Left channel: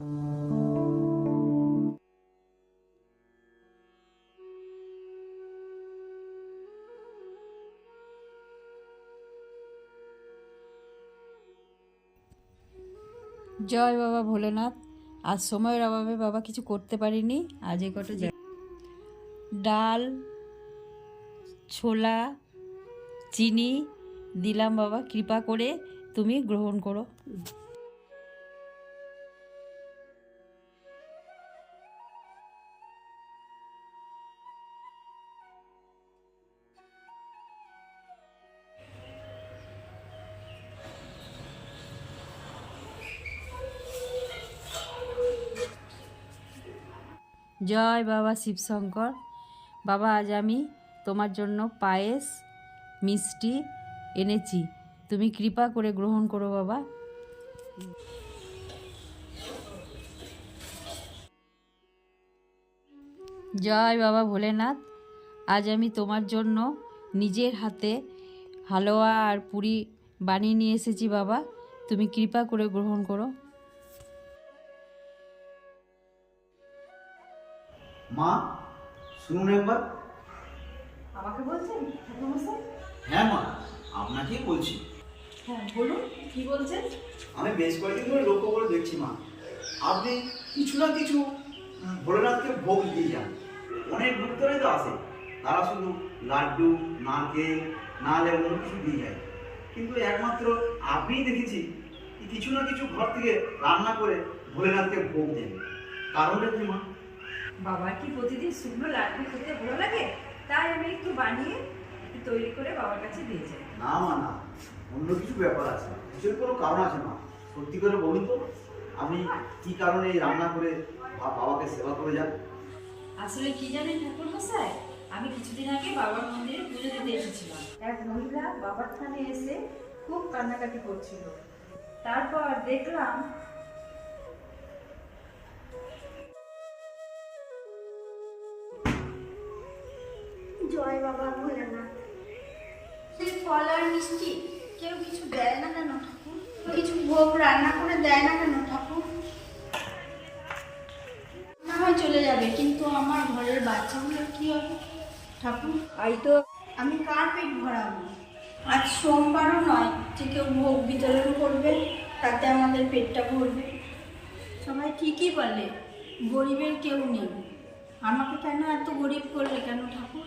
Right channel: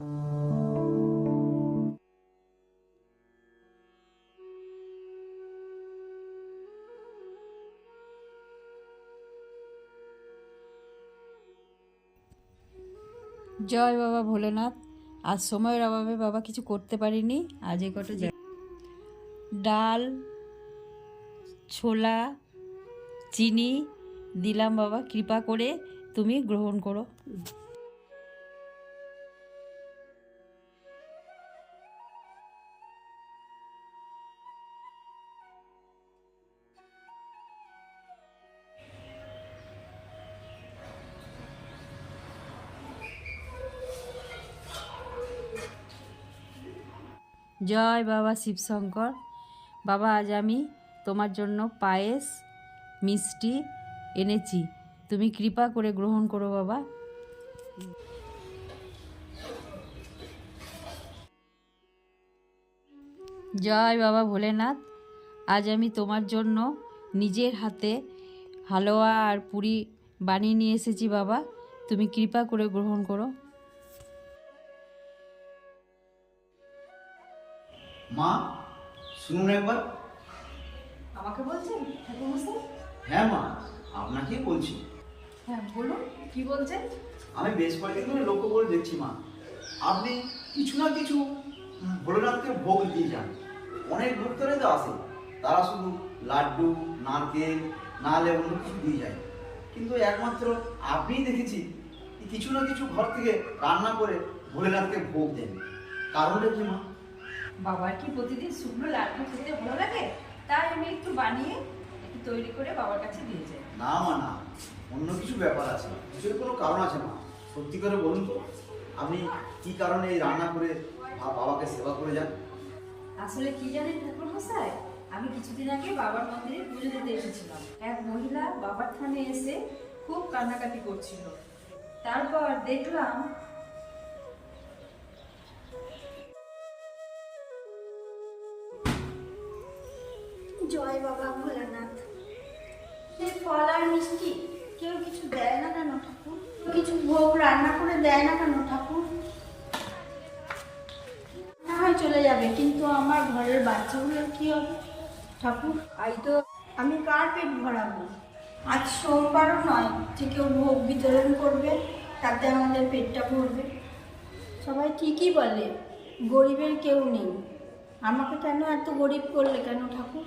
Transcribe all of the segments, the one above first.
জয় বাবা ভোলেনাথ। আজ সময়ের অভাবে বাবা কিছু করতে পারিনি। আজ এ কটা ডাল, ছোলা, চিনি দিলাম বাবা। কৃপা করে তুমি গ্রহণ করো। জয় বাবা শিবশঙ্কর। বাবা, আজ আমি তোমার জন্য পায়েস, মিষ্টি এনেছি। তুমি কৃপা করে গ্রহণ করো বাবা। জয় বাবা ভোলেনাথ। আজ আমি তোমার জন্য নিজের হাতে হালুয়া আর পুরি বানিয়ে নিয়ে এসেছি বাবা। তুমি কৃপা করে গ্রহণ করো। মা শুনুন একবার। আমাকে বলছেন ঠাকুরমশাই? হ্যাঁ মা আপনাকেই বলছি। হ্যাঁ বলুন কি বলছেন? আমি বেশ কয়েকদিন ধরে লক্ষ্য করে দেখছি মা। আপনি কিছু না কিছু ভোলেনাথকে ভোগ দিয়ে যান অনেক ভক্তরাই তো আসে। তারা শুধু লাড্ডু নারকেল নাহলে অন্য কিছু দিয়ে যায়। কিন্তু একমাত্র আপনিই দেখেছি কিছু না কিছু ঘর থেকে রান্না করে ভোলেনাথকে ভোগ দেন। কারণটা কি মা? বাবার কি প্রতিদিন শুকনো লাড্ডু খেতে ভালো লাগে? তাই আমি একটু বানিয়ে একটু তৈরি করে বাবার কাছে দিয়ে যাই। না মা না। অন্য কিছু ব্যাপার আছে। কিছু কোনো কারণ আছে মা। সত্যি করে বলুন তো আপনি কি কারণে এই রান্না করে বাবাকে সেবা করে যান? আসলে কি জানেন ঠাকুর মশাই আমি কিছুদিন আগে বাবার মন্দিরে পুজো দিতে এসেছিলাম। এক মহিলা বাবার থানে এসে খুব কান্নাকাটি করছিল। তারপর দেখলাম জয় বাবা ভোলেনাথ। সেই ফল আর মিষ্টি কেউ কিছু দেয় না কেন ঠাকুর? কিছু ভোগ রান্না করে দেয় না কেন ঠাকুর? না হয় চলে যাবে, কিন্তু আমার ঘরের বাচ্চাগুলোর কি হবে? ঠাকুর, আই তো আমি কার পেট ভরাবো। আজ সোমবারও নয় যে কেউ ভোগ বিতরণ করবে, তাতে আমাদের পেটটা ভরবে। সবাই ঠিকই বলে, গরিবের কেউ নেই। আমাকে কেন এত গরিব করলে কেন ঠাকুর?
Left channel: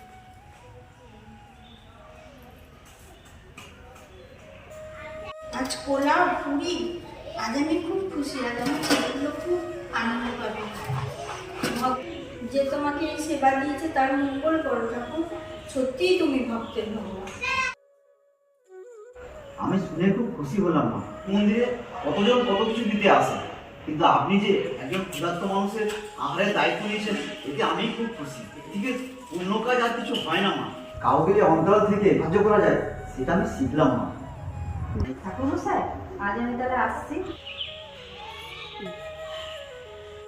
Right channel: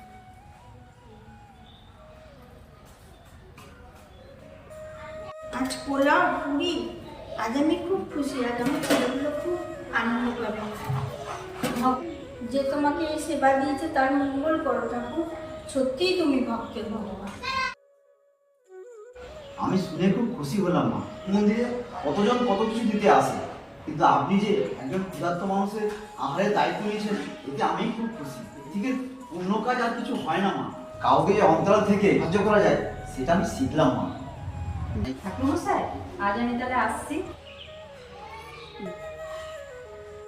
আজ পোলাও, পুরি, আজ আমি খুব খুশি, আজ আমার ছেলেগুলো খুব আনন্দ পাবে। যে তোমাকে এই সেবা দিয়েছে তার মঙ্গল করো ঠাকুর, সত্যিই তুমি ভক্তের ভগবান। আমি শুনে খুব খুশি হলাম মা। মন্দিরে কতজন কত কিছু দিতে আসে, কিন্তু আপনি যে একজন ক্ষুধার্ত মানুষের আহারের দায়িত্ব নিয়েছেন, এতে আমি খুব খুশি। এদিকে অন্য কাজ আর কিছু হয় না মা। কাউকে যে অন্তর থেকে সাহায্য করা যায়, সেটা আমি শিখলাম মা। ঠাকুর মশাই আজ আমি তাহলে আসছি।